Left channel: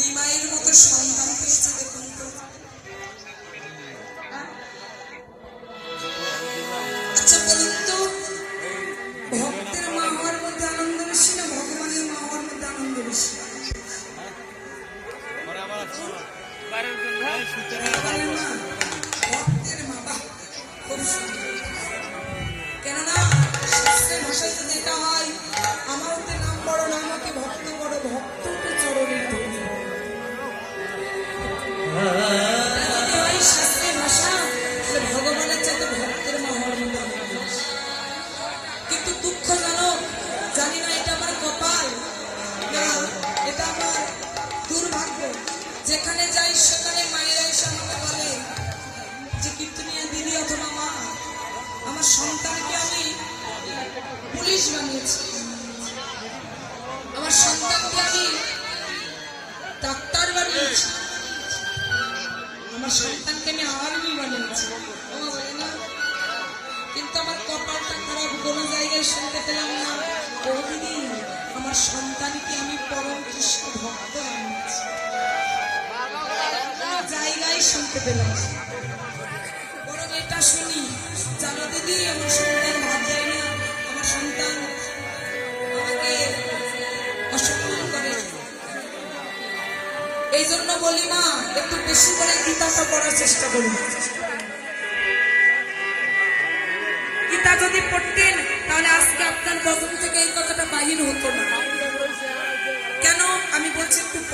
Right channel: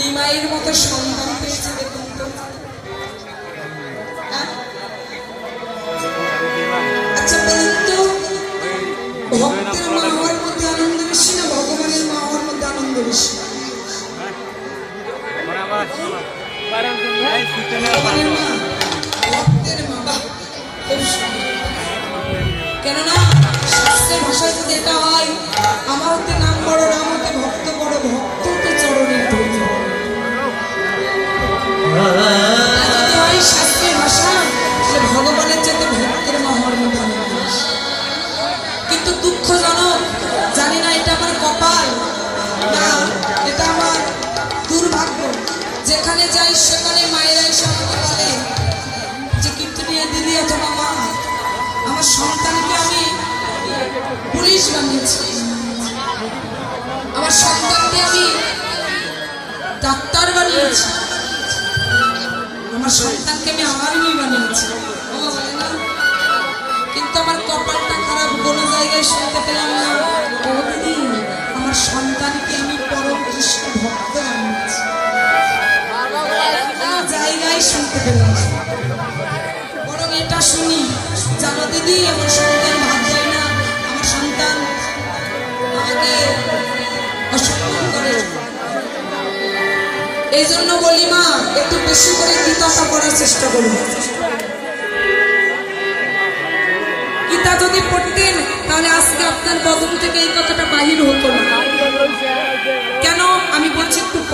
নিমাইয়ের মতো সন্তান পেয়েছে দেখুন তো হ্যাঁ? আচ্ছা মধ্যে আনন্দ বেশি না ভগবানের মধ্যে আনন্দ বেশি। কেননা, শাস্ত্রের ভাষায় যদি এটা হয় কিন্তু দুঃখজনক, জানি না এটা আমার কপাল, না, এটা আমার দুর্ভাগ্য। যেখানে যাই, সেখানে মায়েরা এসে আমাকে বলে যে কীর্তনীয় দিদি অথবা মা আমার সন্তানকে আমি পুলিশ বানিয়েছি। আমার সন্তানকে আমি ডাক্তার বানিয়েছি। আমার সন্তানকে আমি আর্মি বানিয়েছি। শুনতে পেলাম না। ও আমার সন্তানকে আমি পরম কৃষ্ণ ভক্ত জায়গায় শুনতে পেলাম বরং এটা শুনি জানো দিদি আমার সন্তান ভাত দেয় না। আমার সন্তান আমাকে অসম্মান করে। এই জন্য বলি মা, একটু বেশি করে গীতাটা পড়ার চেষ্টা করুন। গীতা যদি পড়তেন